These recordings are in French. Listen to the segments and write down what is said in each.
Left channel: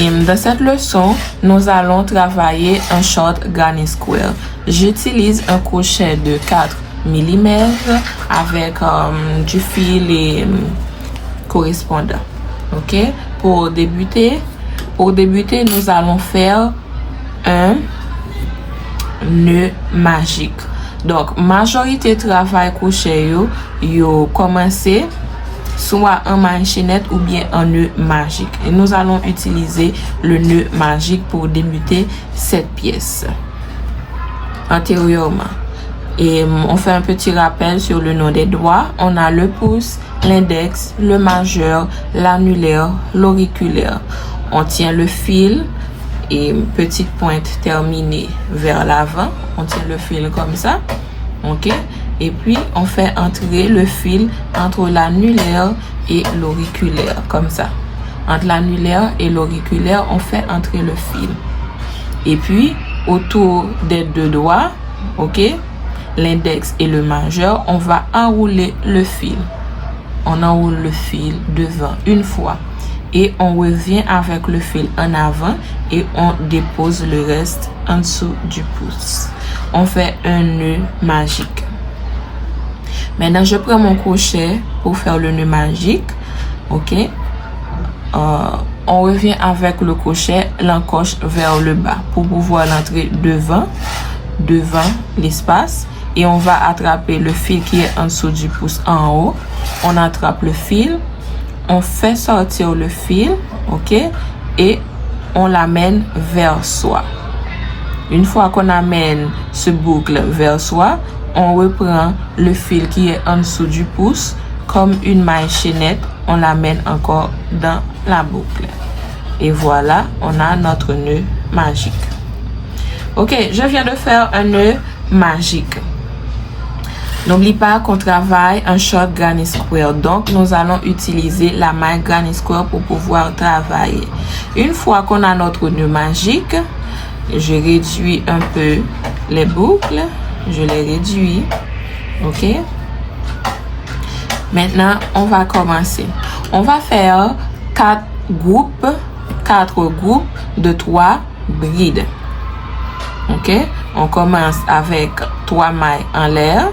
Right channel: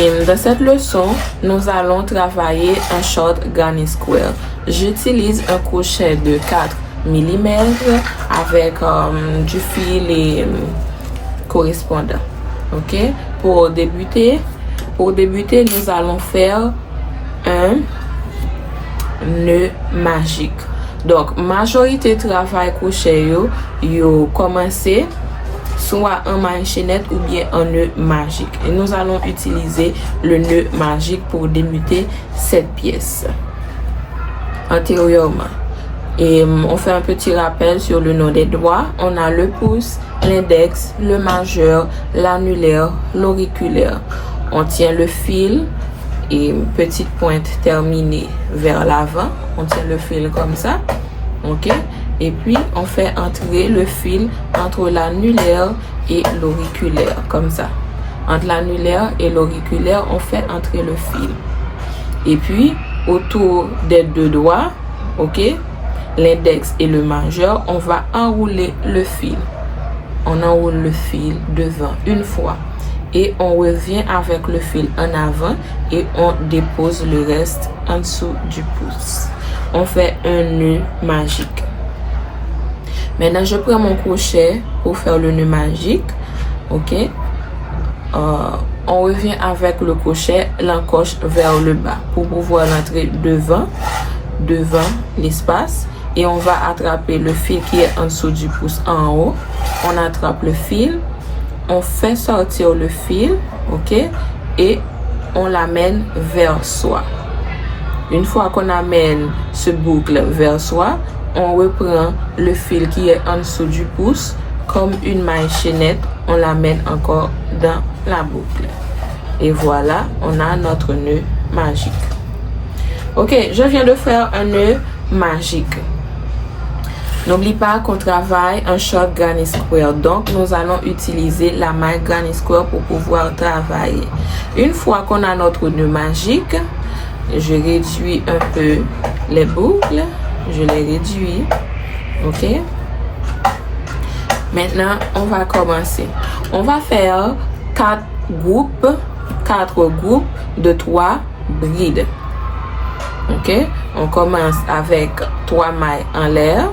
Et dans cette leçon, nous allons travailler un short granny square. J'utilise un crochet de 4 mm avec du fil correspondant. Ok? Pour débuter, nous allons faire un nœud magique. Donc, majorité travail crochet yo commencer soit en manchinette ou bien en nœud magique. Et nous allons utiliser le nœud magique pour débuter cette pièce. Antérieurement. Et on fait un petit rappel sur le nom des doigts. On a le pouce, l'index, le majeur, l'annulaire, l'auriculaire. On tient le fil et petite pointe terminée vers l'avant. On tient le fil comme ça. Ok? Et puis, on fait entrer le fil entre l'annulaire et l'auriculaire, comme ça. Entre l'annulaire et l'auriculaire, on fait entrer le fil. Et puis, autour des deux doigts, ok, l'index et le majeur, on va enrouler le fil. On enroule le fil devant une fois. Et on revient avec le fil en avant et on dépose le reste en dessous du pouce. On fait un nœud magique. Maintenant, je prends mon crochet pour faire le nœud magique. Ok. On revient avec le crochet, l'encoche vers le bas pour pouvoir l'entrer devant l'espace. Et on va attraper le fil qui est en dessous du pouce en haut. On attrape le fil. On fait sortir le fil. Ok. Et on l'amène vers soi. Une fois qu'on amène ce boucle vers soi, on reprend le fil qui est en dessous du pouce comme une maille chaînette, on l'amène encore dans la boucle. Et voilà, on a notre nœud magique. Ok, je viens de faire un nœud magique. N'oublie pas qu'on travaille un short granny square. Donc, nous allons utiliser la maille granny square pour pouvoir travailler. Une fois qu'on a notre nœud magique, je réduis un peu les boucles. Je les réduis. Ok. Maintenant, on va commencer. On va faire 4 groupes de 3 brides. Ok. On commence avec 3 mailles en l'air.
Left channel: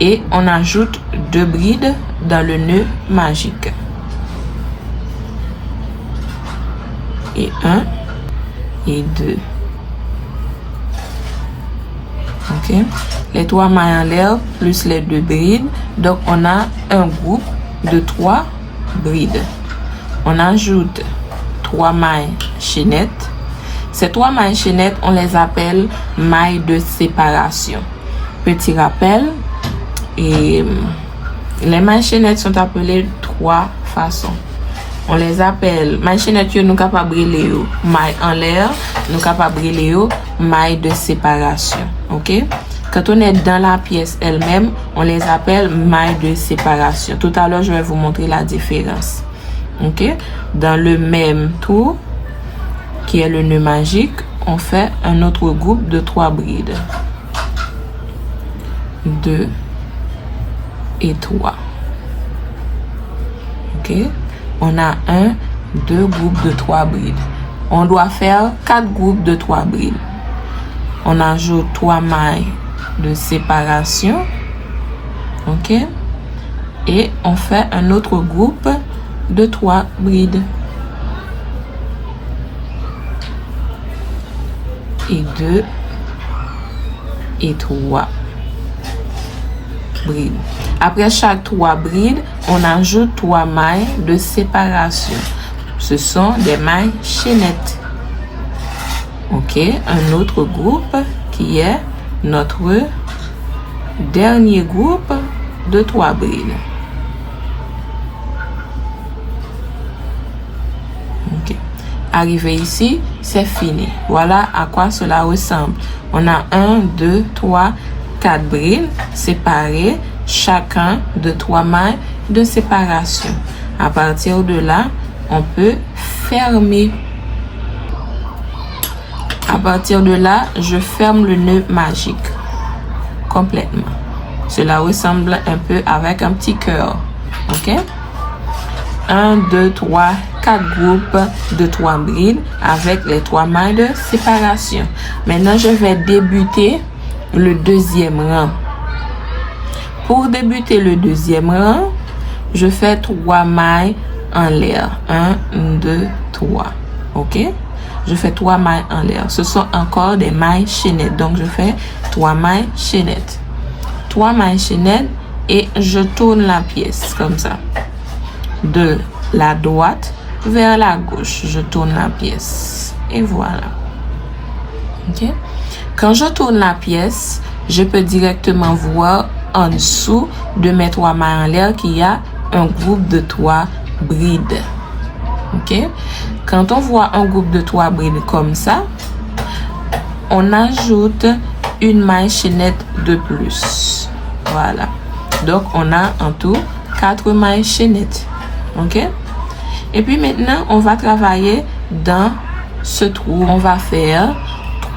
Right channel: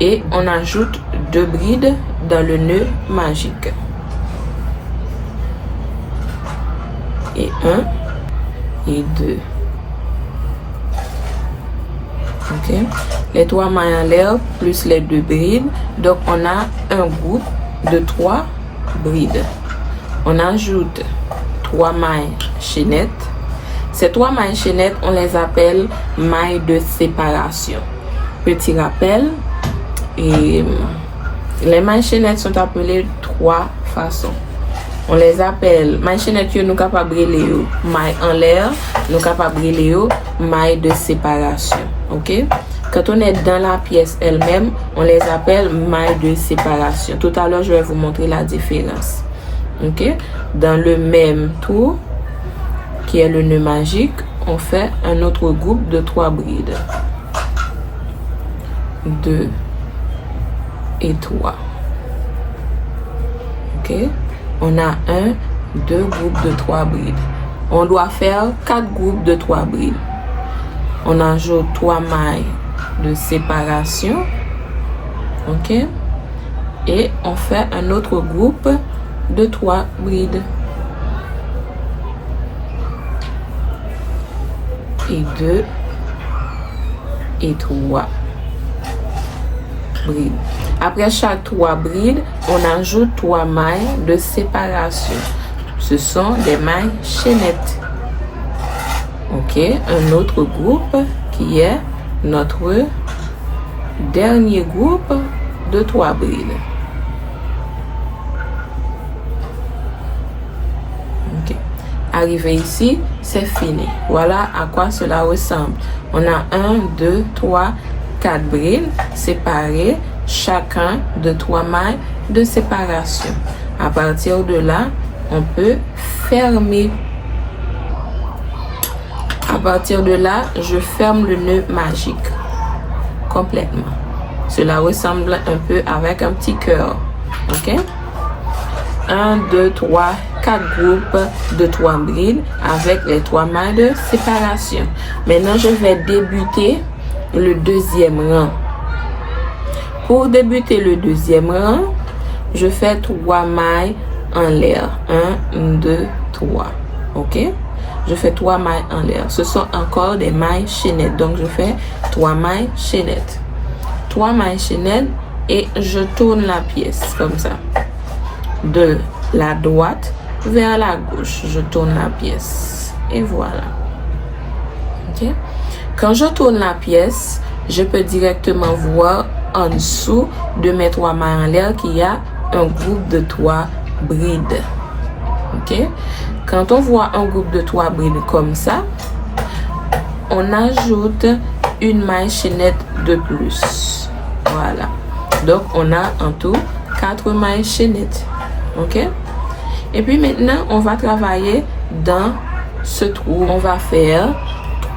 Et on ajoute 2 brides dans le nœud magique. Et 1 et 2. Ok, les 3 mailles en l'air plus les 2 brides, donc on a un groupe de 3 brides. On ajoute 3 mailles chaînettes. Ces 3 mailles chaînettes, on les appelle mailles de séparation. Petit rappel, et les mailles chaînettes sont appelées 3 façons. On les appelle mailles chaînettes, nous capables de brûler mailles en l'air, nous capables de brûler mailles de séparation. Ok? Quand on est dans la pièce elle-même, on les appelle mailles de séparation. Tout à l'heure, je vais vous montrer la différence. Ok? Dans le même tour, qui est le nœud magique, on fait un autre groupe de 3 brides. 2 et 3. Ok? On a 2 groupes de 3 brides. On doit faire 4 groupes de 3 brides. On ajoute 3 mailles de séparation. Ok? Et on fait un autre groupe de 3 brides. Et 2 et 3 brides. Après chaque 3 brides, on ajoute 3 mailles de séparation. Ce sont des mailles chaînettes. Ok, un autre groupe qui est notre dernier groupe de 3 brides. Ok, arrivé ici, c'est fini. Voilà à quoi cela ressemble. On a 1, 2, 3, 4 brides séparées, chacun de 3 mailles de séparation. À partir de là, on peut fermer. À partir de là, je ferme le nœud magique complètement. Cela ressemble un peu avec un petit cœur. Ok? 1, 2, 3, 4 groupes de 3 brides avec les 3 mailles de séparation. Maintenant, je vais débuter le deuxième rang. Pour débuter le deuxième rang, je fais 3 mailles en l'air. 1, 2, 3. OK? Je fais 3 mailles en l'air. Ce sont encore des mailles chaînettes. Donc, je fais 3 mailles chaînettes. 3 mailles chaînettes et je tourne la pièce comme ça. De la droite vers la gauche. Je tourne la pièce. Et voilà. OK? Quand je tourne la pièce, je peux directement voir en dessous de mes 3 mailles en l'air qu'il y a un groupe de 3 brides. OK? Quand on voit un groupe de 3 brides comme ça, on ajoute une maille chaînette de plus. Voilà. Donc, on a en tout 4 mailles chaînettes. OK? Et puis maintenant, on va travailler dans ce trou. On va faire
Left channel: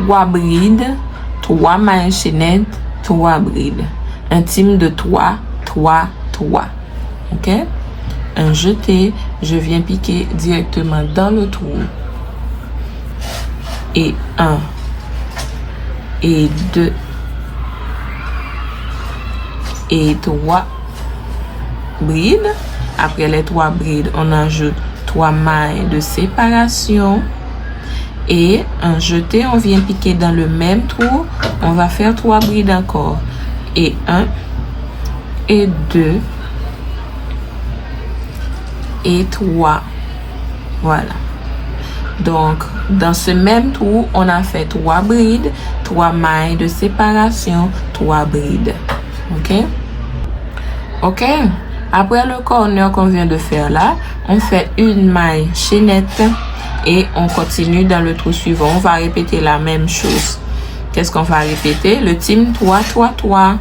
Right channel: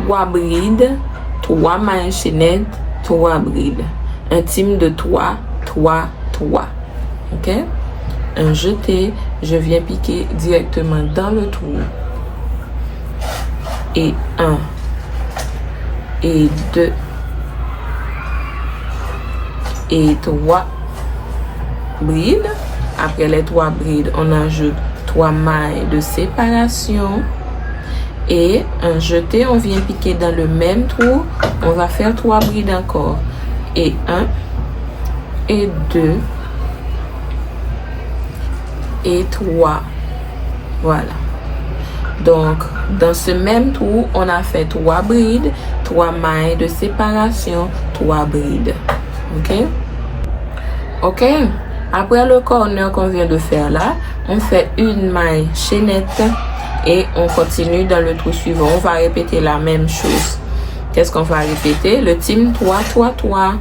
3 brides, 3 mailles chaînettes, 3 brides. Un team de 3, 3, 3. OK? Un jeté, je viens piquer directement dans le trou. Et 1, et 2, et 3 brides. Après les 3 brides, on ajoute 3 mailles de séparation. Et un jeté, on vient piquer dans le même trou. On va faire 3 brides encore. Et 1, et 2, et 3. Voilà. Donc, dans ce même trou, on a fait 3 brides, 3 mailles de séparation, 3 brides. OK? OK? Après le corner qu'on vient de faire là, on fait une maille chaînette et on continue dans le trou suivant. On va répéter la même chose. Qu'est-ce qu'on va répéter? Le team 3, 3, 3.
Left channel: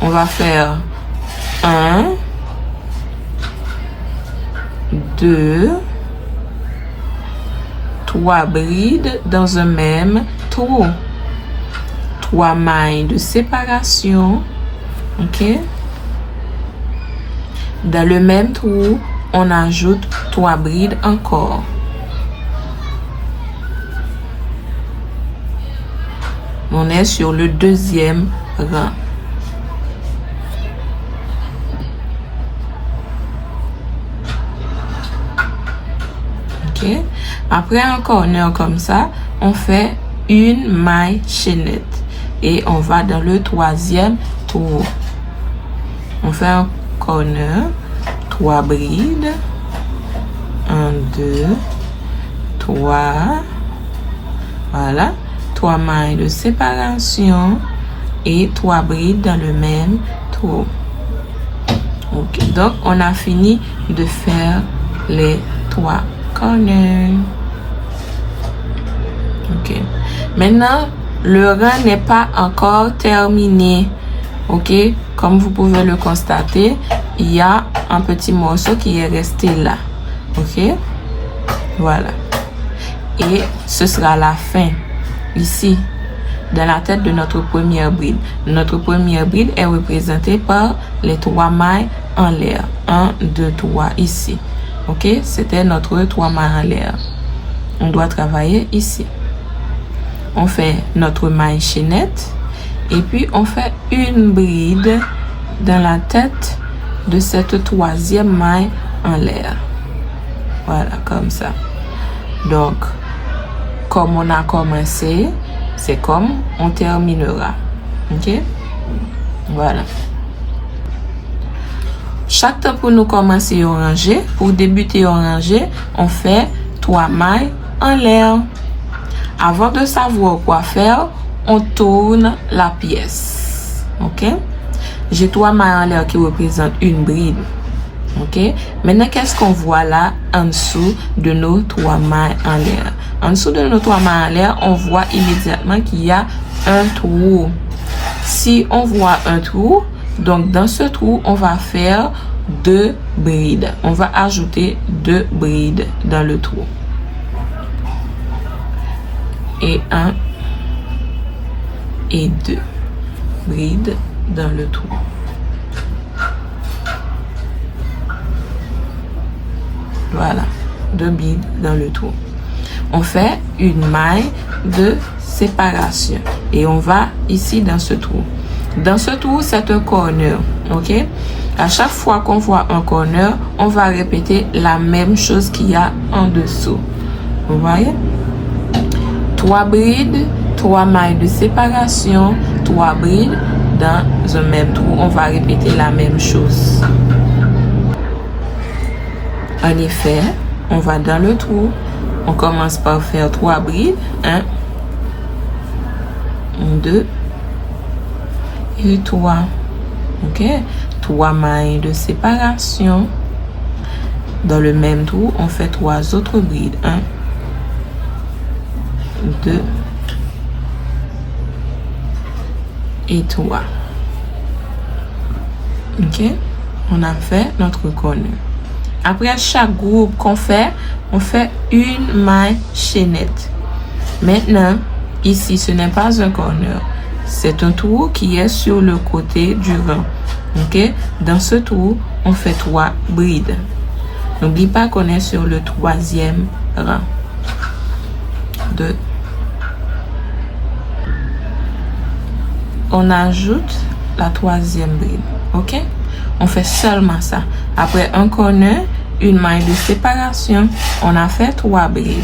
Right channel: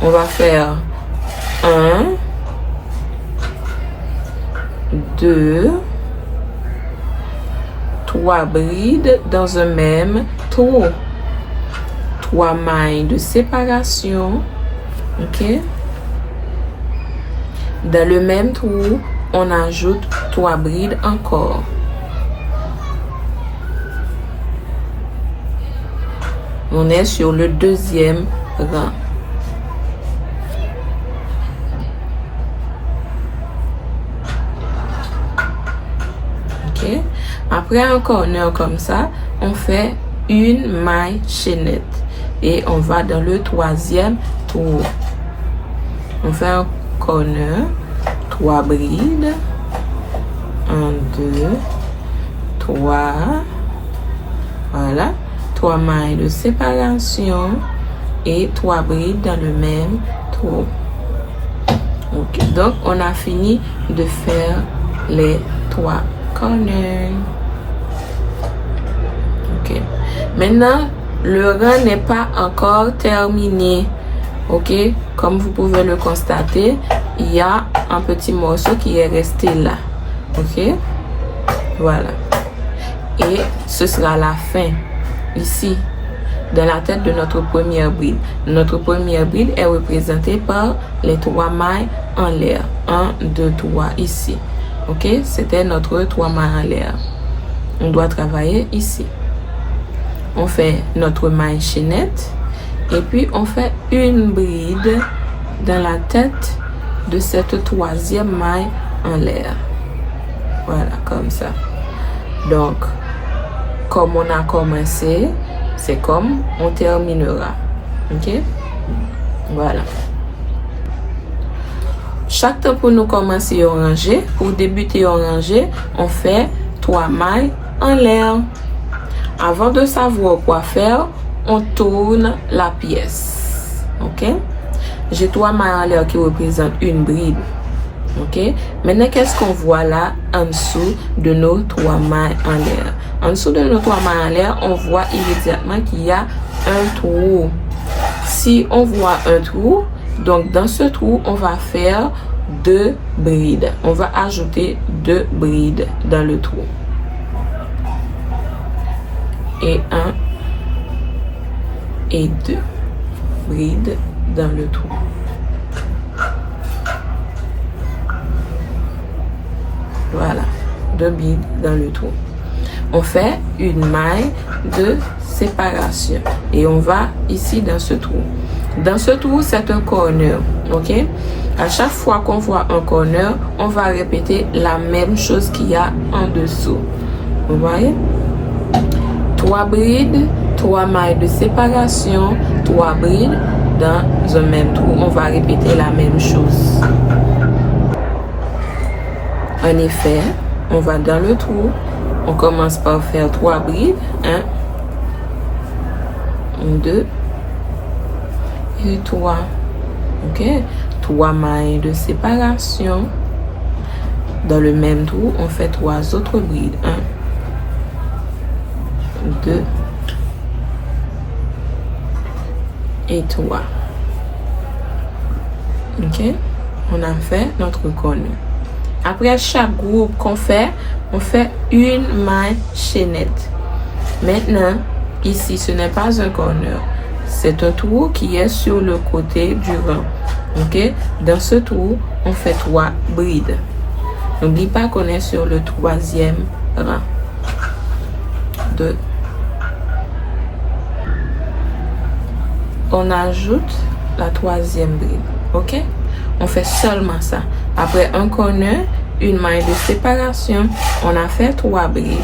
On va faire 1, 2, 3 brides dans un même trou. 3 mailles de séparation. OK? Dans le même trou, on ajoute 3 brides encore. On est sur le deuxième rang. OK? Après un corner comme ça, on fait une maille chaînette. Et on va dans le troisième trou. On fait un corner, 3 brides. 1, 2, 3. Voilà. 3 mailles de séparation et 3 brides dans le même trou. OK. Donc, on a fini de faire les 3 corners. OK. Maintenant, le rang n'est pas encore terminé. OK. Comme vous pouvez le constater, il y a un petit morceau qui est resté là. OK. Voilà. Et ce sera la fin. Ici, dans la tête de notre première bride. Notre première bride est représentée par les 3 mailles en l'air. 1, 2, 3 ici. OK? C'était notre 3 mailles en l'air. On doit travailler ici. On fait notre maille chaînette et puis on fait une bride dans la tête de cette troisième maille en l'air. Voilà, comme ça. Donc, comme on a commencé, c'est comme on terminera. OK? Voilà. Chaque temps pour nous commencer à ranger, pour débuter à ranger, on fait 3 mailles en l'air. Avant de savoir quoi faire, on tourne la pièce. OK? J'ai 3 mailles en l'air qui représentent une bride. OK? Maintenant, qu'est-ce qu'on voit là en dessous de nos 3 mailles en l'air? En dessous de nos 3 mailles en l'air, on voit immédiatement qu'il y a un trou. Si on voit un trou, donc dans ce trou, on va faire 2 brides. On va ajouter 2 brides dans le trou. Et 1 et 2 brides dans le trou. Voilà. 2 brides dans le trou. On fait une maille de séparation et on va ici dans ce trou. Dans ce trou, c'est un corner, ok? À chaque fois qu'on voit un corner, on va répéter la même chose qu'il y a en dessous. Vous voyez? 3 brides, 3 mailles de séparation, 3 brides dans un même trou. On va répéter la même chose. En effet, on va dans le trou. On commence par faire 3 brides. 1, 2 et 3. Ok? 3 mailles de séparation. Dans le même trou, on fait 3 autres brides. 1, 2 et 3. Ok? On a fait notre corner. Après chaque groupe qu'on fait, on fait une maille chaînette. Maintenant, ici, ce n'est pas un corner. C'est un trou qui est sur le côté du rang. Ok? Dans ce trou, on fait 3 brides. N'oublie pas qu'on est sur le 3e rang. 2. On ajoute la 3e bride. Ok? On fait seulement ça. Après un corner, une maille de séparation, on a fait 3 brides.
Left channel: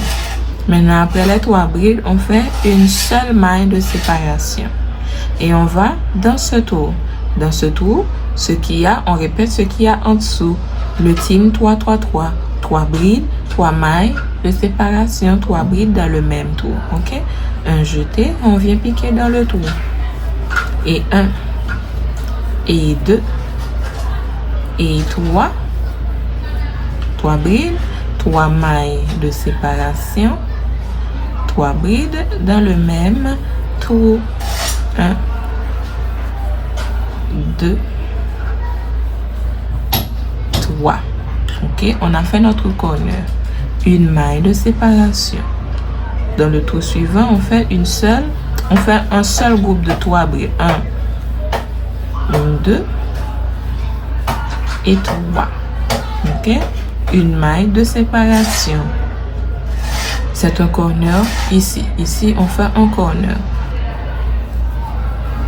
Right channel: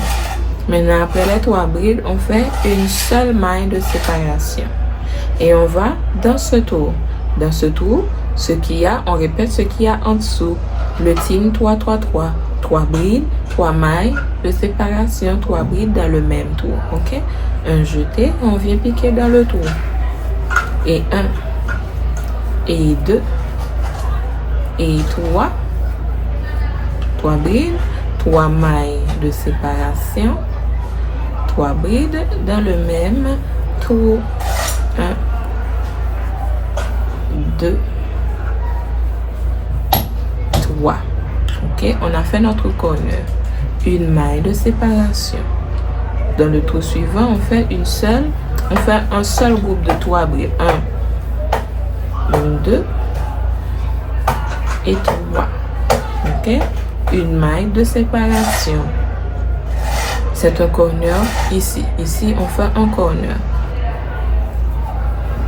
Maintenant, après les 3 brides, on fait une seule maille de séparation. Et on va dans ce tour. Dans ce tour, ce qu'il y a, on répète ce qu'il y a en dessous. Le team 3, 3, 3. 3 brides, 3 mailles de séparation, 3 brides dans le même tour. Ok? Un jeté, on vient piquer dans le tour. Et 1, et 2, et 3. 3 brides, 3 mailles de séparation, 3 brides dans le même tour. 1, 2, 3. Ok, on a fait notre corner. Une maille de séparation. Dans le tour suivant, on fait un seul groupe de 3 brides. 1, 2 et 3. Ok, une maille de séparation. C'est un corner ici. Ici, on fait un corner.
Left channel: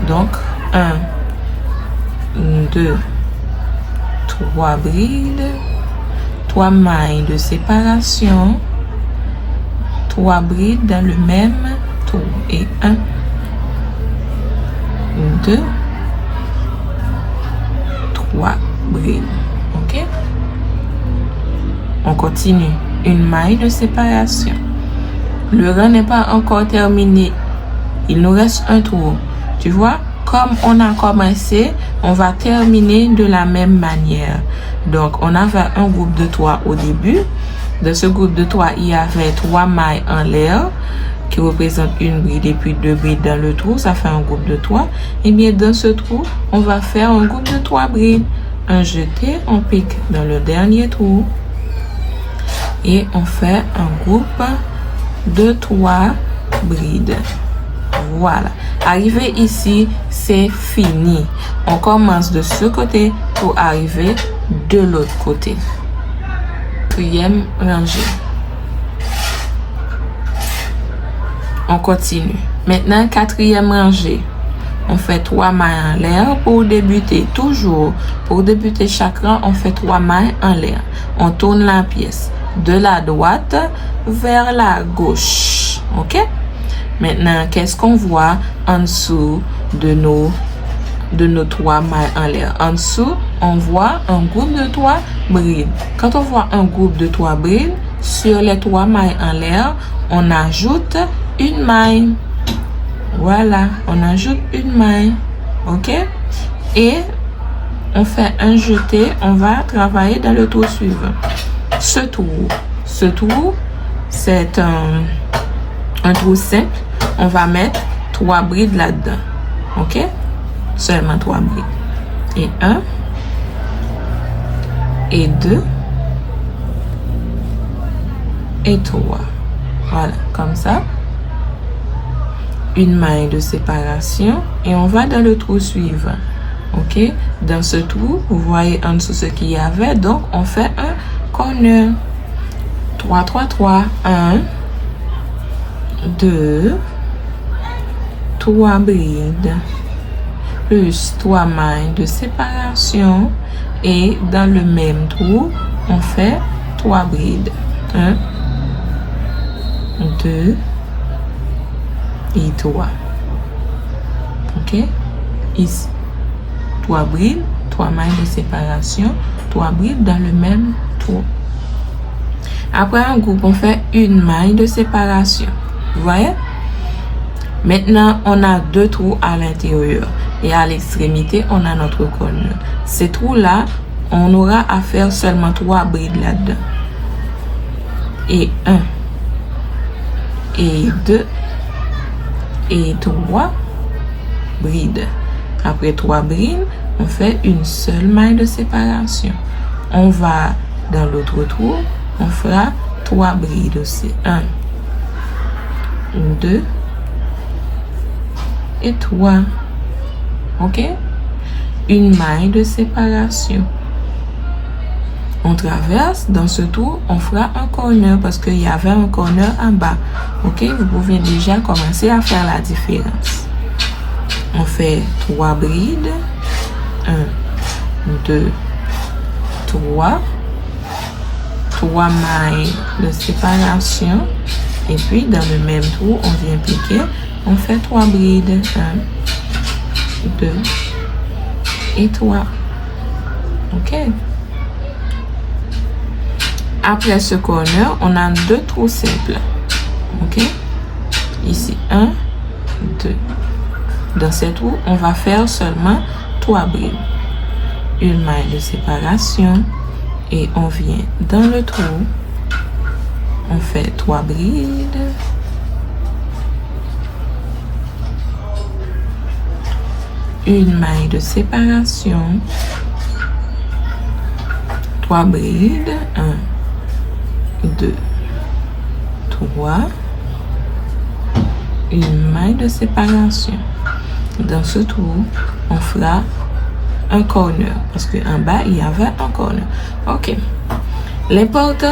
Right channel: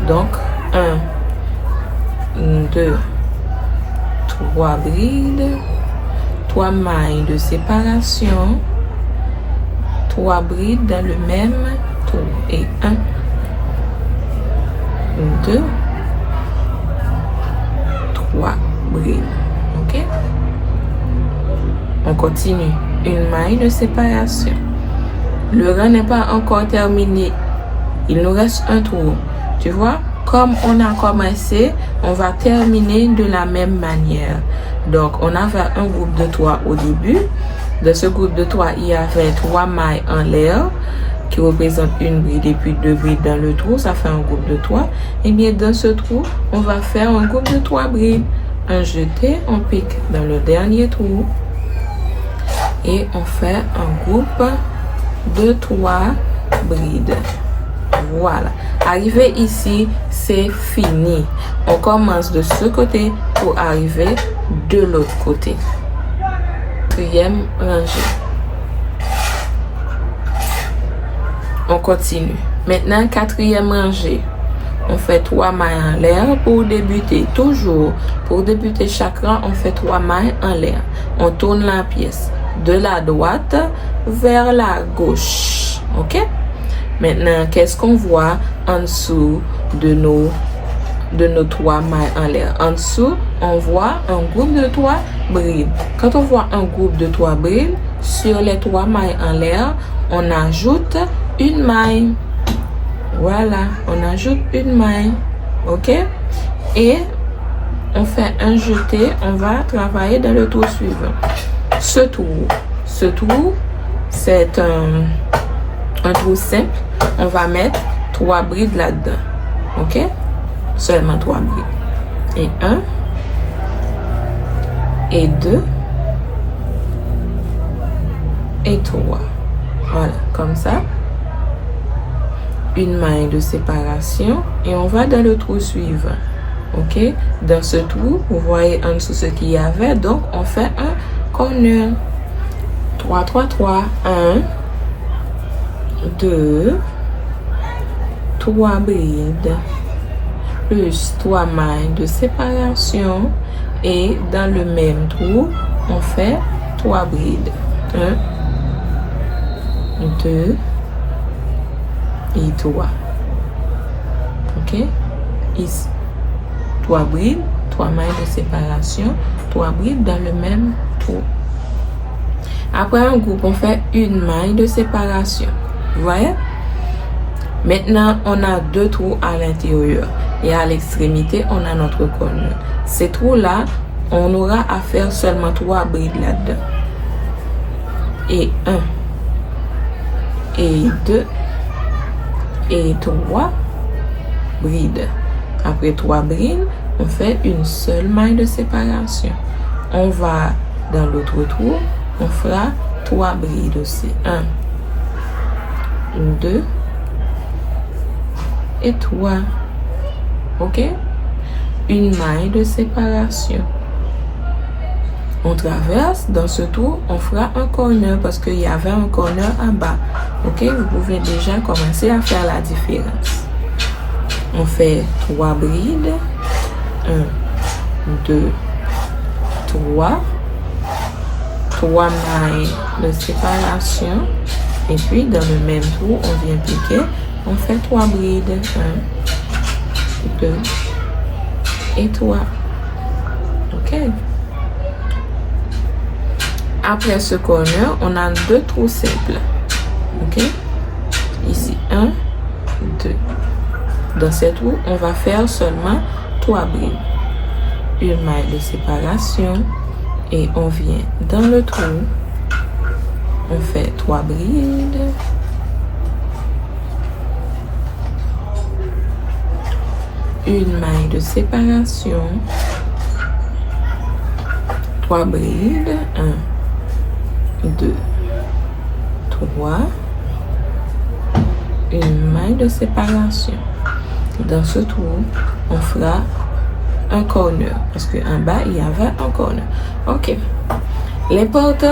Donc, 1, 2, 3 brides, 3 mailles de séparation, 3 brides dans le même tour. Et 1, 2, 3 brides. Ok? On continue. Une maille de séparation. Le rang n'est pas encore terminé. Il nous reste un tour. Tu vois? Comme on a commencé, on va terminer de la même manière. Donc, on avait un groupe de 3 au début. Dans ce groupe de 3, il y avait 3 mailles en l'air qui représentent une bride et puis 2 brides dans le trou. Ça fait un groupe de 3. Et bien, dans ce trou, on va faire un groupe de 3 brides. Un jeté, on pique dans le dernier trou. Et on fait un groupe de 3 brides. Voilà. Arrivé ici, c'est fini. On commence de ce côté pour arriver de l'autre côté. 4e rangée. On continue. Maintenant, 4e rangée. On fait 3 mailles en l'air pour débuter. Toujours, pour débuter chaque rang, on fait 3 mailles en l'air. On tourne la pièce de la droite vers la gauche. Ok? Maintenant, qu'est-ce qu'on voit en dessous de nos 3 mailles en l'air? En dessous, on voit un groupe de 3 brides. Quand on voit un groupe de 3 brides, sur les 3 mailles en l'air, on ajoute une maille. Voilà, on ajoute une maille. Ok? Et on fait un jeté. On va travailler dans le tour suivant. Ce tour, c'est un trou simple. On va mettre 3 brides là-dedans. Ok? Seulement 3 brides. Et 1, et 2, et 3. Voilà, comme ça. Une maille de séparation. Et on va dans le trou suivant. Ok? Dans ce trou, vous voyez en dessous ce qu'il y avait. Donc, on fait un corner. 3, 3, 3. 1, 2, 3 brides, plus 3 mailles de séparation. Et dans le même trou, on fait 3 brides. 1, 2 et 3. Ok? Ici, 3 brides, 3 mailles de séparation, 3 brides dans le même trou. Après un groupe, on fait une maille de séparation. Vous voyez? Maintenant, on a 2 trous à l'intérieur. Et à l'extrémité, on a notre cornure. Ces trous-là, on aura à faire seulement 3 brides là-dedans. Et 1, et 2, et 3 brides. Après 3 brides, on fait une seule maille de séparation. On va dans l'autre trou, on fera 3 brides aussi. 1, 2 et 3. Ok? Une maille de séparation. On traverse dans ce trou, on fera un corner parce qu'il y avait un corner en bas. Ok? Vous pouvez déjà commencer à faire la différence. On fait 3 brides. 1, 2, 3. 3 mailles de séparation. Et puis, dans le même trou, on vient piquer. On fait 3 brides. 1, 2 et 3. Ok? Après ce corner, on a 2 trous simples. Ok? Ici, 1, 2. Dans ces trous, on va faire seulement 3 brides. Une maille de séparation. Et on vient dans le trou. On fait 3 brides. Une maille de séparation. 3 brides. 1, 2, 3. Une maille de séparation. Dans ce trou, on fera un corner. Parce qu'en bas, il y avait un corner. Ok. L'important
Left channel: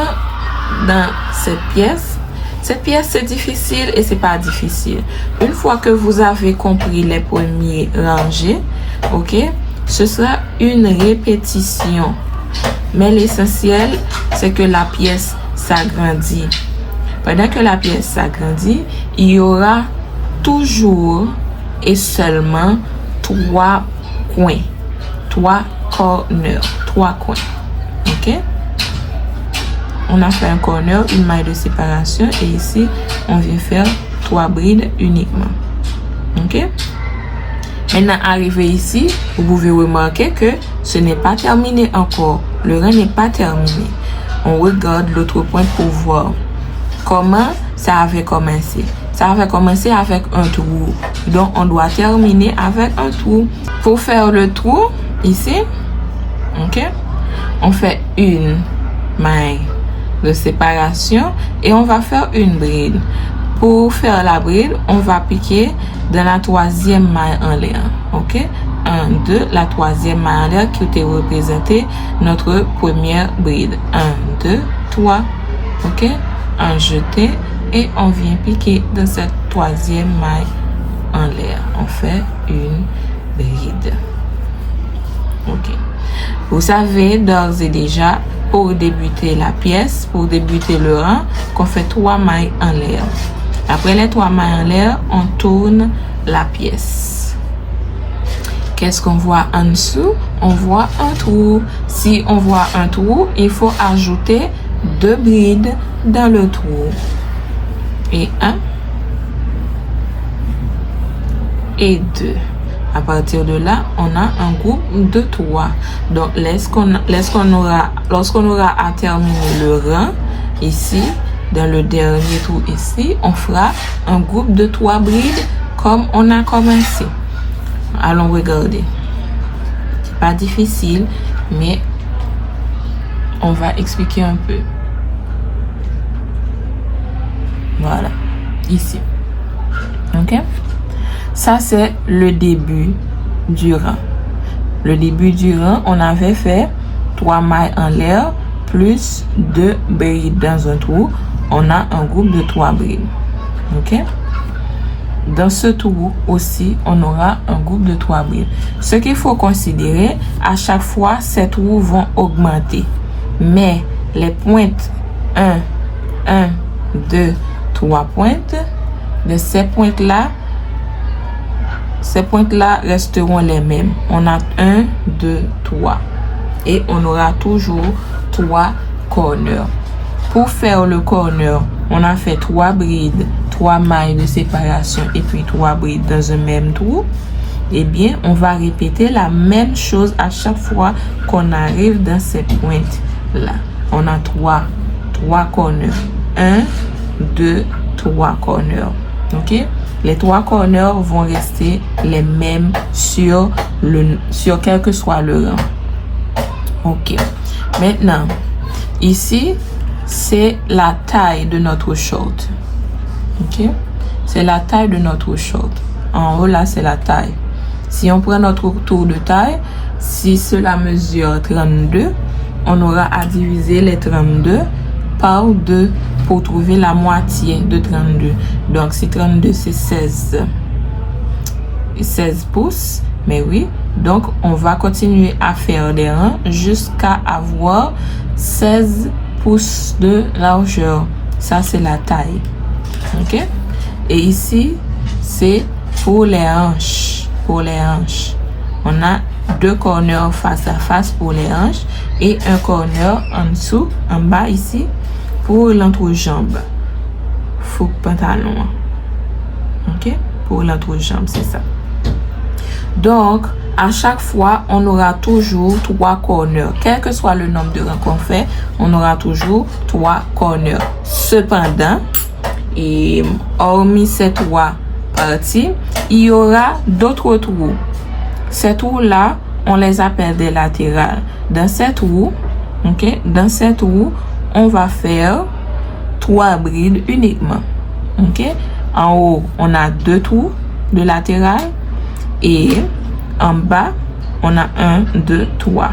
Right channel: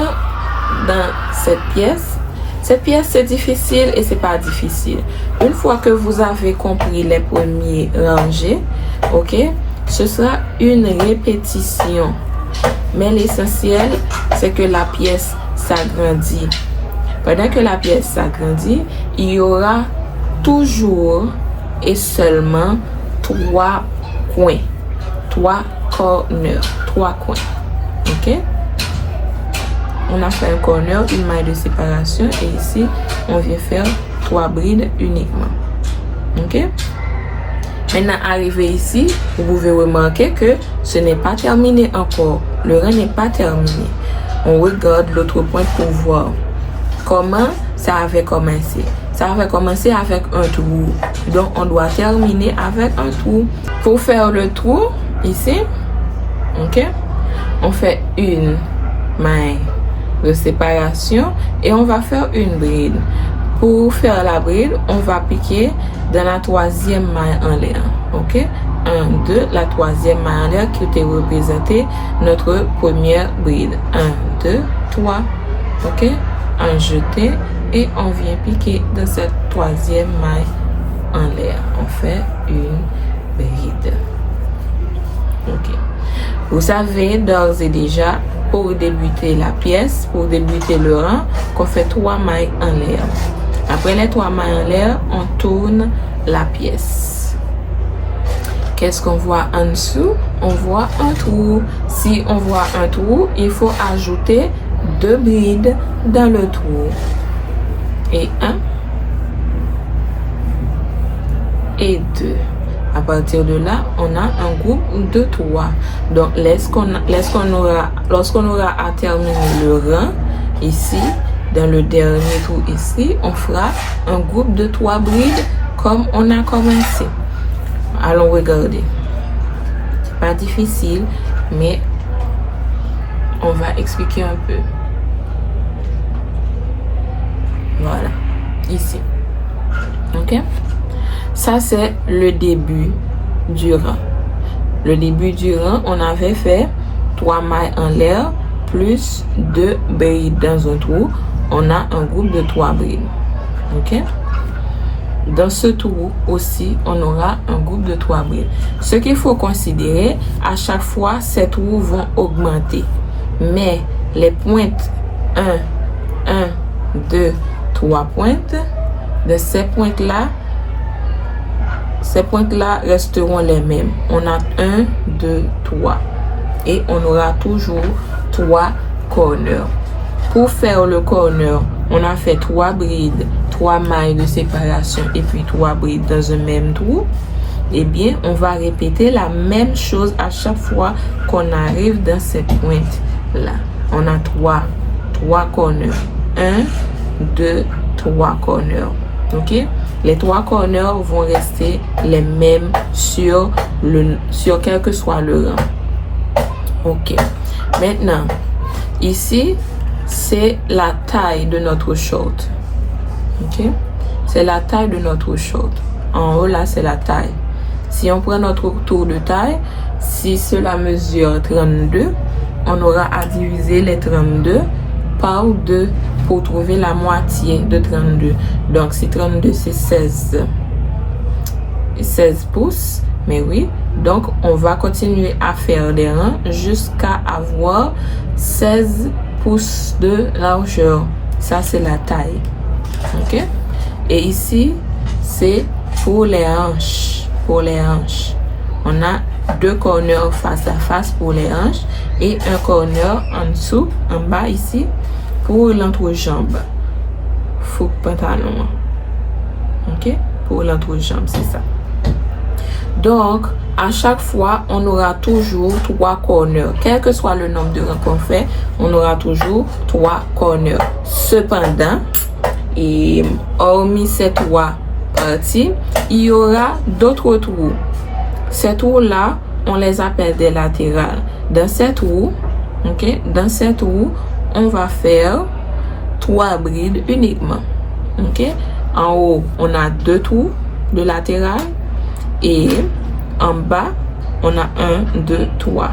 dans cette pièce, c'est difficile et c'est pas difficile. Une fois que vous avez compris les premiers rangées, ok, ce sera une répétition. Mais l'essentiel, c'est que la pièce s'agrandit. Pendant que la pièce s'agrandit, il y aura toujours et seulement 3 coins. 3 corners. 3 coins. Ok? On a fait un corner, une maille de séparation. Et ici, on vient faire 3 brides uniquement. Ok? Maintenant, arrivé ici, vous pouvez remarquer que ce n'est pas terminé encore. Le rang n'est pas terminé. On regarde l'autre point pour voir comment ça avait commencé. Ça avait commencé avec un trou. Donc, on doit terminer avec un trou. Pour faire le trou, ici, ok, on fait une maille de séparation et on va faire une bride. Pour faire la bride, on va piquer dans la 3e maille en l'air. Ok? 1, 2, la 3e maille en l'air qui était représentée notre première bride. 1, 2, 3. Ok? Un jeté et on vient piquer dans cette 3e maille en l'air. On fait une bride. Ok. Vous savez d'ores et déjà, pour débuter la pièce, pour débuter le rang, qu'on fait 3 mailles en l'air. Après les 3 mailles en l'air, on tourne la pièce. Qu'est-ce qu'on voit en dessous? On voit un trou. Si on voit un trou, il faut ajouter 2 brides dans le trou. Et 1 et 2. À partir de là, on a un groupe de 3. Donc, lorsqu'on aura à terminer le rang, ici, dans le dernier trou ici, on fera un groupe de 3 brides comme on a commencé. Allons regarder. C'est pas difficile, mais on va expliquer un peu. Voilà, ici. Ok? Ça, c'est le début du rang. Le début du rang, on avait fait 3 mailles en l'air plus 2 brides dans un trou, on a un groupe de 3 brides. Ok? Dans ce trou aussi, on aura un groupe de 3 brides. Ce qu'il faut considérer, à chaque fois, ces trous vont augmenter. Mais les pointes 1, 2, 3 pointes, de ces pointes-là resteront les mêmes. On a 1, 2, 3. Et on aura toujours 3 corners. Pour faire le corner, on a fait 3 brides, 3 mailles de séparation et puis 3 brides dans un même trou. Eh bien, on va répéter la même chose à chaque fois qu'on arrive dans ces pointes-là. On a 3 corners. 1, 2, 3 corners. Ok? Les 3 corners vont rester les mêmes sur quel que soit le rang. Ok. Maintenant, ici, c'est la taille de notre short. Ok? C'est la taille de notre short. En haut, là, c'est la taille. Si on prend notre tour de taille, si cela mesure 32, on aura à diviser les 32 par 2 pour trouver la moitié de 32. Donc, si 32, c'est 16 pouces, mais oui. Donc, on va continuer à faire des rangs jusqu'à avoir 16 pouces de largeur. Ça, c'est la taille. OK? Et ici, c'est pour les hanches. Pour les hanches. On a 2 corners face à face pour les hanches et un corner en dessous, en bas ici, pour l'entrejambe. Faux pantalon. OK? Pour l'entrejambe, c'est ça. Donc, à chaque fois, on aura toujours 3 corners. Quel que soit le nombre de rangs qu'on fait, on aura toujours 3 corners. Cependant, et hormis ces 3 parties, il y aura d'autres trous. Ces trous-là, on les appelle des latérales. Dans ces trous, ok, dans ces trous, on va faire 3 brides uniquement. Ok, en haut, on a 2 trous de latéral et en bas, on a 1, 2, 3.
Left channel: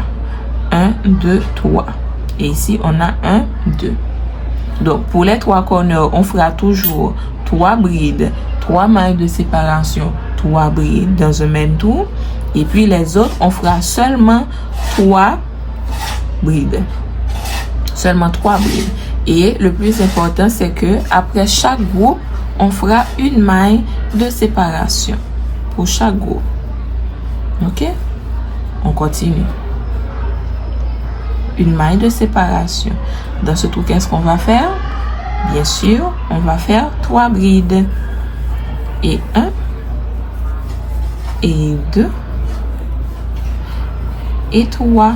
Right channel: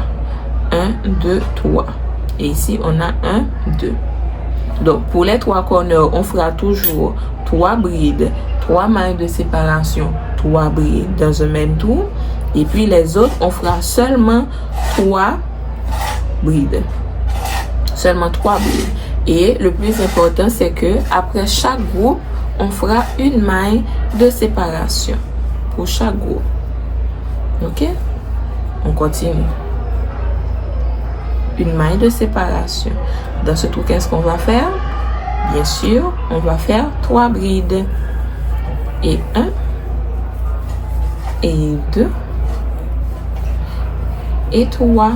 1, 2, 3. Et ici, on a 1, 2. Donc, pour les 3 corners, on fera toujours 3 brides, 3 mailles de séparation, 3 brides dans un même trou. Et puis, les autres, on fera seulement 3 brides. Seulement 3 brides. Et le plus important, c'est que après chaque groupe, on fera une maille de séparation pour chaque groupe. Ok? On continue. Une maille de séparation. Dans ce trou, qu'est-ce qu'on va faire? Bien sûr, on va faire 3 brides. Et 1, et 2, et 3.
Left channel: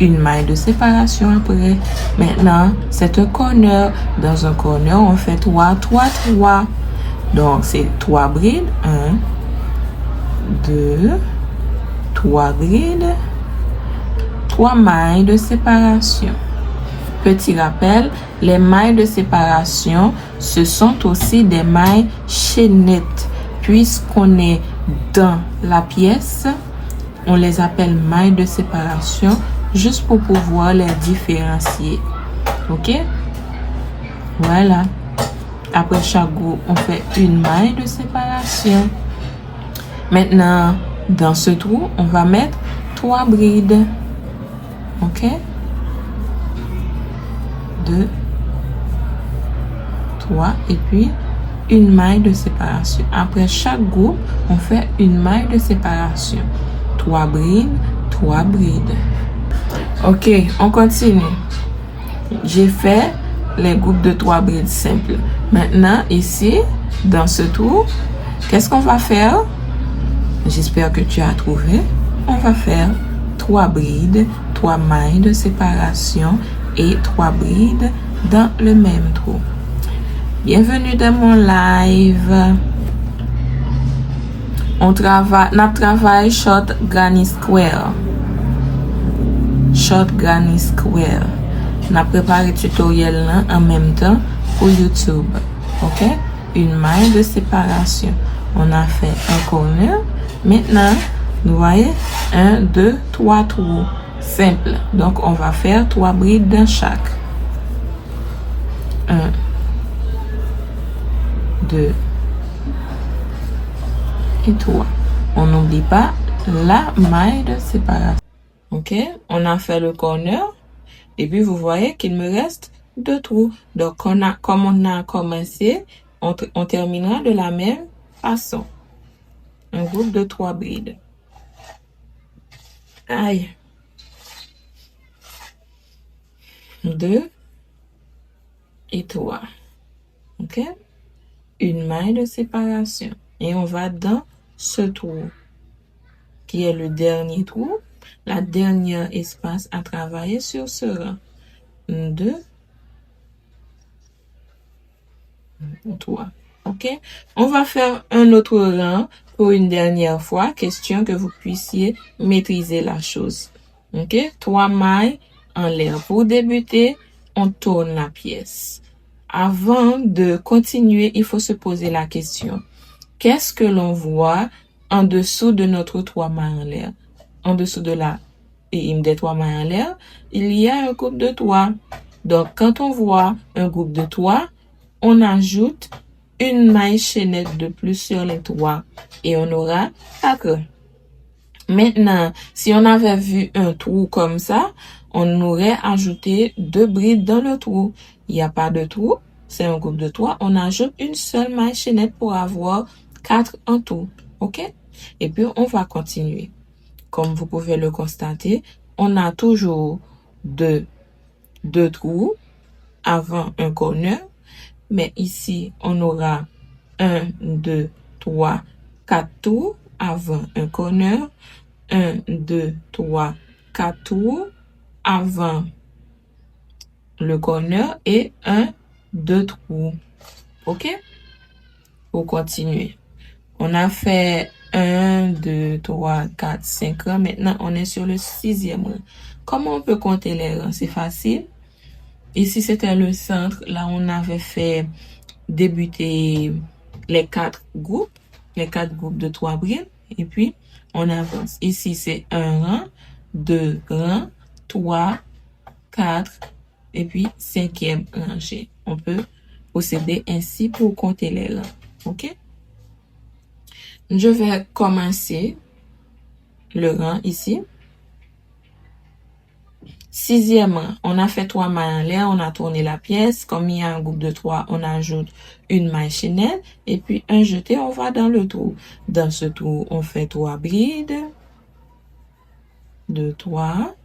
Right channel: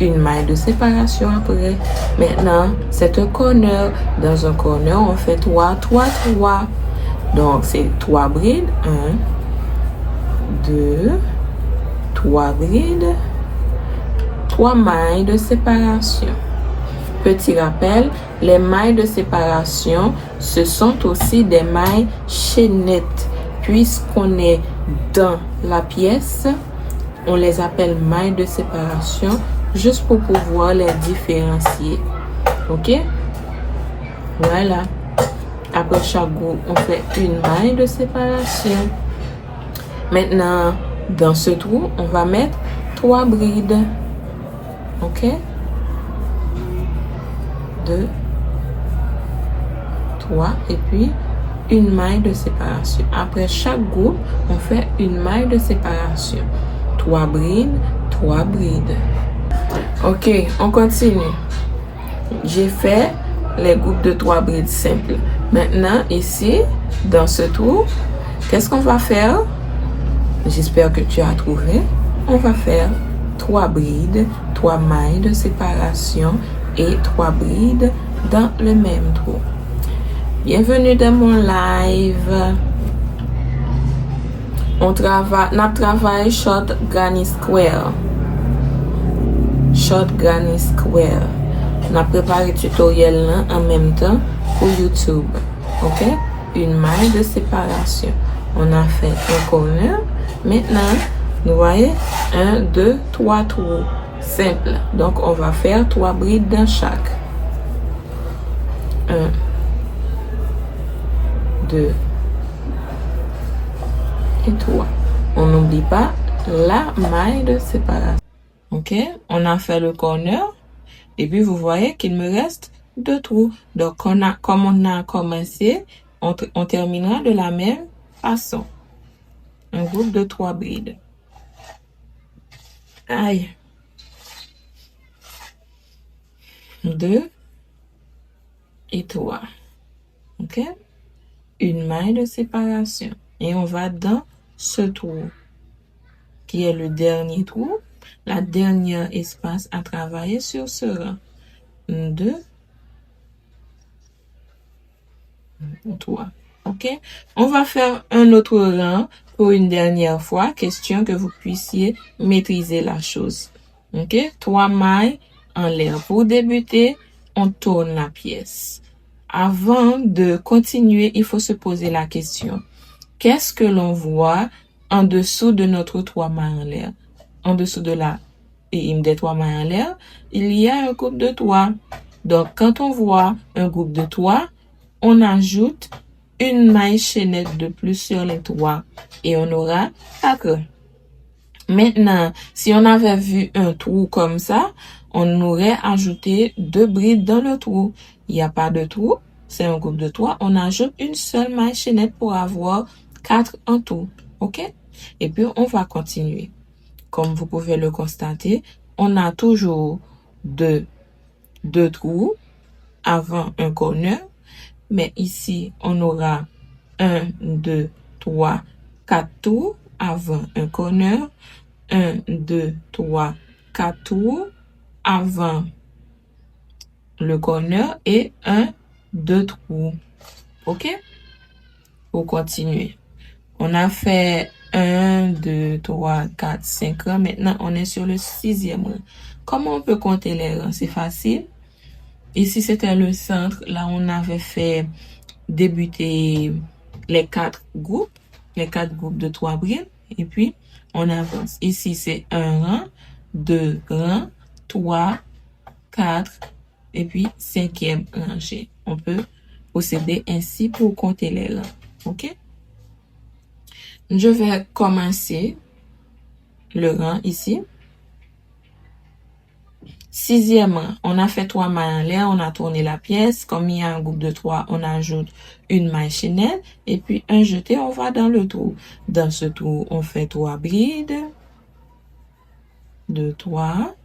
Une maille de séparation après. Maintenant, c'est un corner. Dans un corner, on fait 3, 3, 3. Donc, c'est 3 brides. 1, 2, 3 brides, 3 mailles de séparation. Petit rappel, les mailles de séparation, ce sont aussi des mailles chaînettes. Puisqu'on est dans la pièce, on les appelle mailles de séparation, juste pour pouvoir les différencier. Ok? Voilà. Après chaque groupe, on fait une maille de séparation. Maintenant, dans ce trou, on va mettre 3 brides. Ok? 2, 3 et puis une maille de séparation. Après chaque groupe, on fait une maille de séparation. 3 brides, 3 brides. Ok, on continue. J'ai fait les groupes de 3 brides simples. Maintenant, ici, dans ce trou, qu'est-ce qu'on va faire? J'espère que tu as trouvé. On va faire 3 brides, 3 mailles de séparation et 3 brides dans le même trou. Bienvenue dans mon live. On travaille short granny square. Short granny square. On a préparé le tutoriel là en même temps pour YouTube. Ok? Une maille de séparation. On a fait un corner. Maintenant, vous voyez, 1, 2, 3 trous. simple. Donc, on va faire 3 brides dans chaque. 1, 2 et 3. On n'oublie pas la maille de séparation. Ok, on a fait le corner et puis vous voyez qu'il me reste 2 trous. Donc, comme on a commencé, on terminera de la même façon. Un groupe de 3 brides. Aïe. 2 et 3. Ok, une maille de séparation et on va dans ce trou qui est le dernier trou, la dernière espace à travailler sur ce rang. 2, 3. Ok, on va faire un autre rang pour une dernière fois, question que vous puissiez maîtriser la chose. Ok, 3 mailles en l'air. Pour débuter, on tourne la pièce. Avant de continuer, il faut se poser la question. Qu'est-ce que l'on voit en dessous de notre 3 mailles en l'air? En dessous de des 3 mailles en l'air, il y a un groupe de 3. Donc, quand on voit un groupe de 3, on ajoute une maille chaînette de plus sur les 3 et on aura 4. Maintenant, si on avait vu un trou comme ça, on aurait ajouté 2 brides dans le trou. Il n'y a pas de trou, c'est un groupe de 3. On ajoute une seule maille chaînette pour avoir 4 en tout. Ok? Et puis, on va continuer. Comme vous pouvez le constater, on a toujours deux trous avant un corner. Mais ici, on aura 1, 2, 3, 4 trous avant un corner. 1, 2, 3, 4 trous avant le corner et 1, 2 trous. Ok? Pour continuer. On a fait 1, 2, 3, 4, 5 rangs. Maintenant, on est sur le 6e rang. Comment on peut compter les rangs? C'est facile. Ici, c'était le centre. Là, on avait fait débuter les 4 groupes de 3 brides. Et puis, on avance. Ici, c'est 1 rang, 2 rangs, 3, 4, et puis 5e rangée. On peut procéder ainsi pour compter les rangs. OK? Je vais commencer le rang ici. 6e rang, on a fait 3 mailles en l'air, on a tourné la pièce. Comme il y a un groupe de 3, on ajoute une maille chaînette et puis un jeté, on va dans le trou. Dans ce trou, on fait 3 brides. 2, 3.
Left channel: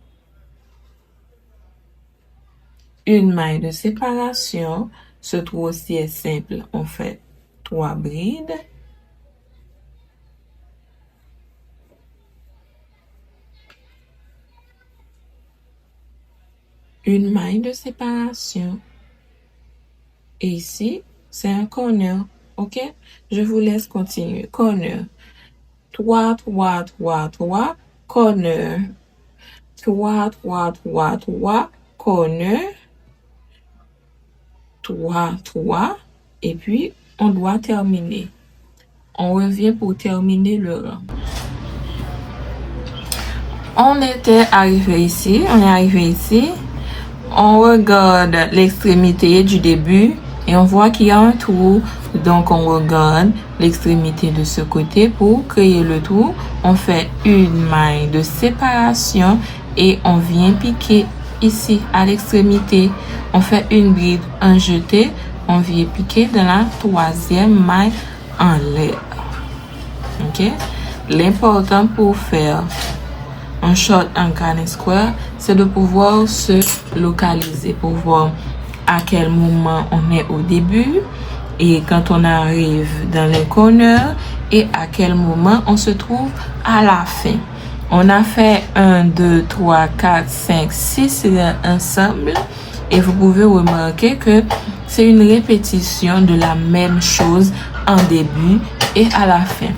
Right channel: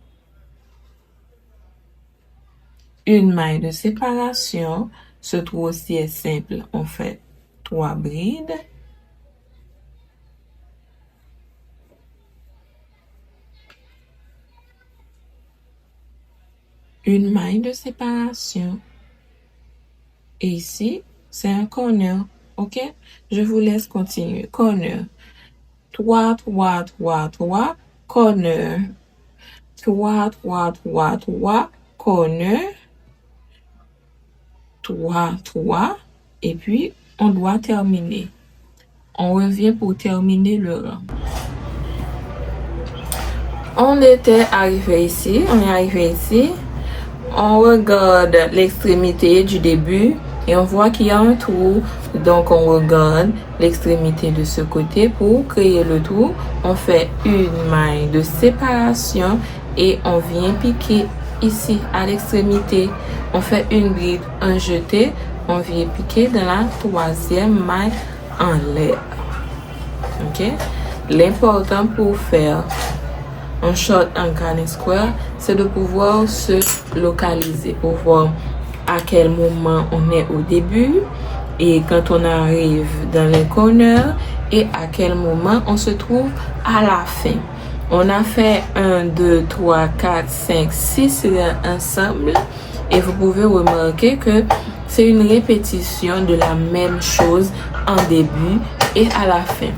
Une maille de séparation. Ce trou aussi est simple. On fait 3 brides. Une maille de séparation. Et ici, c'est un corner. OK? Je vous laisse continuer. Corner. 3, 3, 3, 3. Corner. 3, 3, 3, 3. Corner. 3, 3. Et puis, on doit terminer. On revient pour terminer le rang. On était arrivé ici. On est arrivé ici. On regarde l'extrémité du début et on voit qu'il y a un trou. Donc, on regarde l'extrémité de ce côté pour créer le trou. On fait une maille de séparation et on vient piquer ici à l'extrémité. On fait une bride, un jeté. On vient piquer dans la 3e maille en l'air. OK? L'important pour faire un short en garnet square, c'est de pouvoir se localiser pour voir à quel moment on est au début et quand on arrive dans les corners et à quel moment on se trouve à la fin. On a fait 1, 2, 3, 4, 5, 6 ensemble et vous pouvez remarquer que c'est une répétition de la même chose en début et à la fin.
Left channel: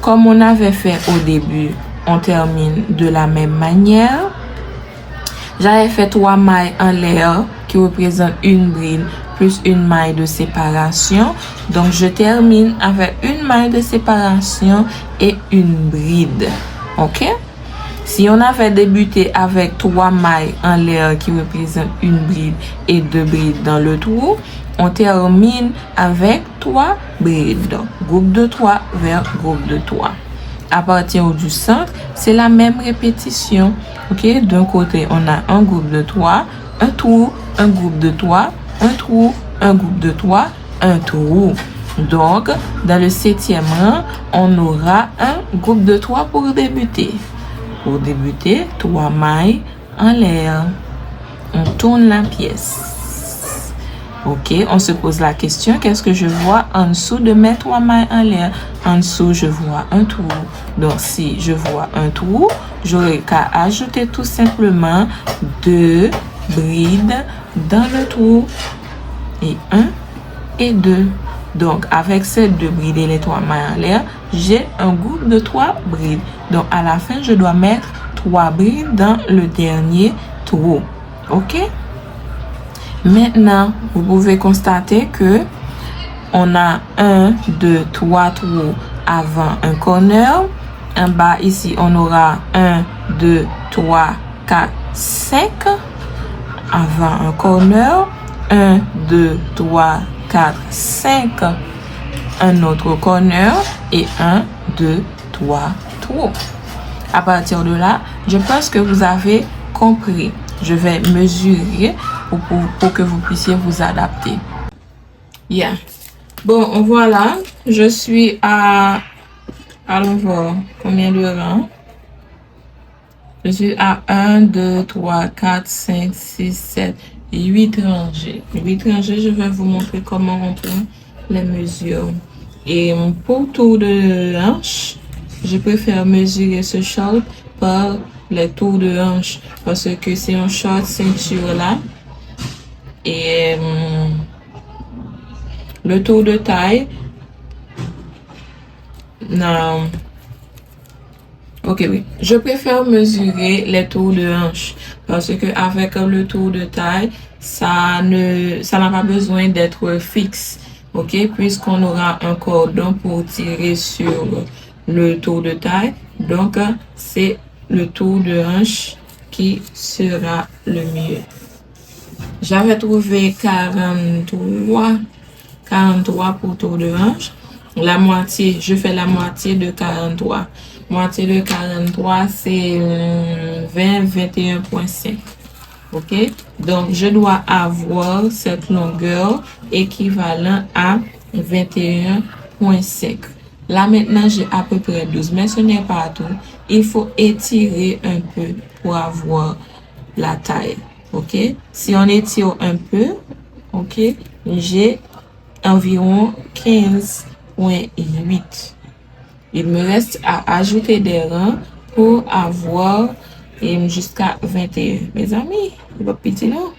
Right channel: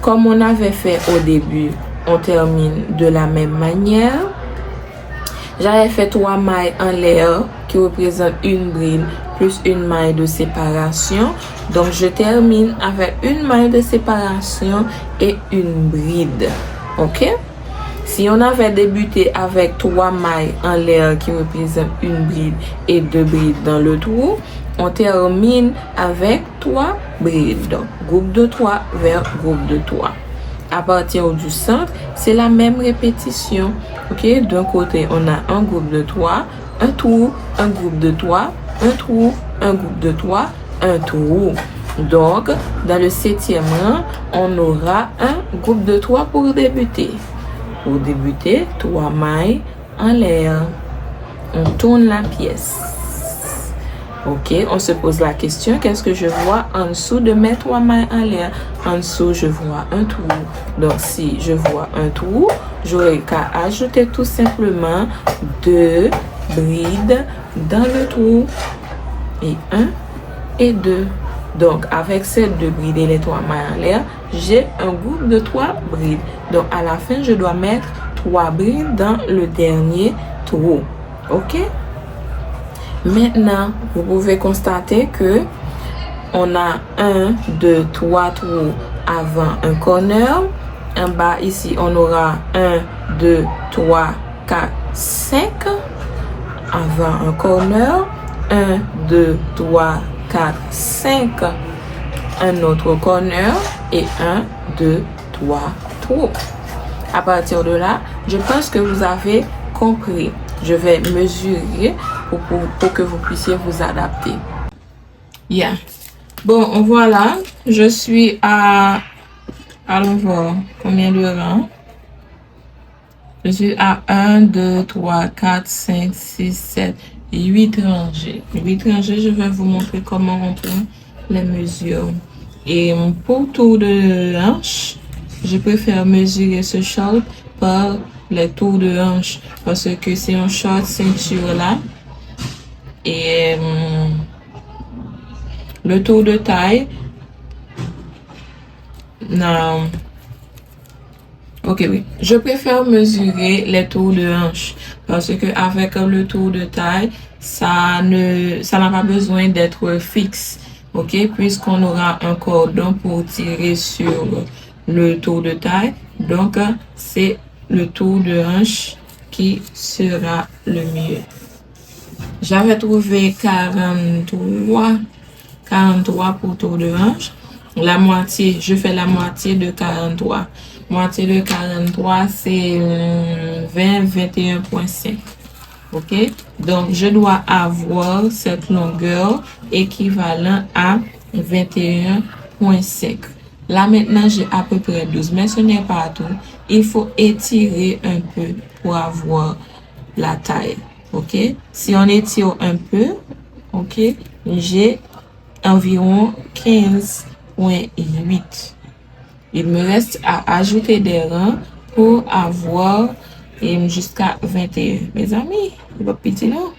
Comme on avait fait au début, on termine de la même manière. J'avais fait 3 mailles en l'air qui représentent une bride plus une maille de séparation. Donc, je termine avec une maille de séparation et une bride. OK? Si on avait débuté avec 3 mailles en l'air qui représentent une bride et 2 brides dans le trou, on termine avec 3 brides. Donc, groupe de 3 vers groupe de 3. À partir du centre, c'est la même répétition. Ok, d'un côté, on a un groupe de 3, un trou, un groupe de 3, un trou, un groupe de 3, un trou. Donc, dans le 7e rang, on aura un groupe de 3 pour débuter. Pour débuter, 3 mailles en l'air. On tourne la pièce. Ok, on se pose la question, qu'est-ce que je vois en dessous de mes 3 mailles en l'air? En dessous, je vois un trou. Donc, si je vois un trou, j'aurai qu'à ajouter tout simplement 2 brides dans le trou. Et 1 et 2. Donc, avec ces 2 brides et les 3 mailles en l'air, j'ai un groupe de 3 brides. Donc, à la fin, je dois mettre 3 brides dans le dernier trou. Ok? Maintenant, vous pouvez constater que on a 1, 2, 3 trous avant un corner. En bas, ici, on aura 1, 2, 3, 4, 5 avant un corner. 1, 2, 3, 4, 5 un autre corner et 1, 2, 3 trous. À partir de là, je pense que vous avez compris. Je vais mesurer pour que vous puissiez vous adapter. Yeah. Bon, voilà. Je suis à... Allons voir combien de rangs. Je suis à 1, 2, 3, 4, 5, 6, 7, 8 rangées. 8 rangées, je vais vous montrer comment on prend les mesures. Et pour tour de hanche, je préfère mesurer ce short par les tours de hanche parce que c'est un short ceinture là. Et le tour de taille, non. Ok, oui. Je préfère mesurer les tours de hanche parce que avec le tour de taille, ça n'a pas besoin d'être fixe. Ok, puisqu'on aura un cordon pour tirer sur le tour de taille. Donc, c'est le tour de hanche qui sera le mieux. J'avais trouvé 43 pour tour de hanche. La moitié, je fais la moitié de 43. Moitié de 43, c'est 20, 21,5. Ok? Donc, je dois avoir cette longueur équivalente à 21,5. Là, maintenant, j'ai à peu près 12, mais ce n'est pas tout. Il faut étirer un peu pour avoir la taille. Ok? Si on étire un peu, ok, j'ai environ 15,8. Il me reste à ajouter des rangs pour avoir jusqu'à 21. Mes amis, c'est pas petit, non?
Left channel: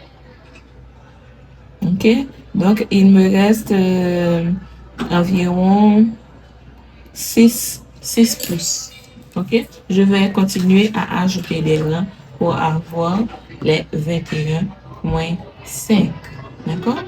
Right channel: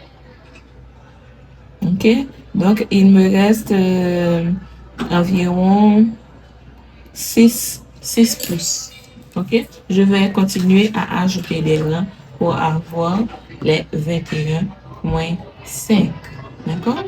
Ok? Donc, il me reste environ 6 pouces. Ok? Je vais continuer à ajouter des rangs pour avoir les 21,5. D'accord?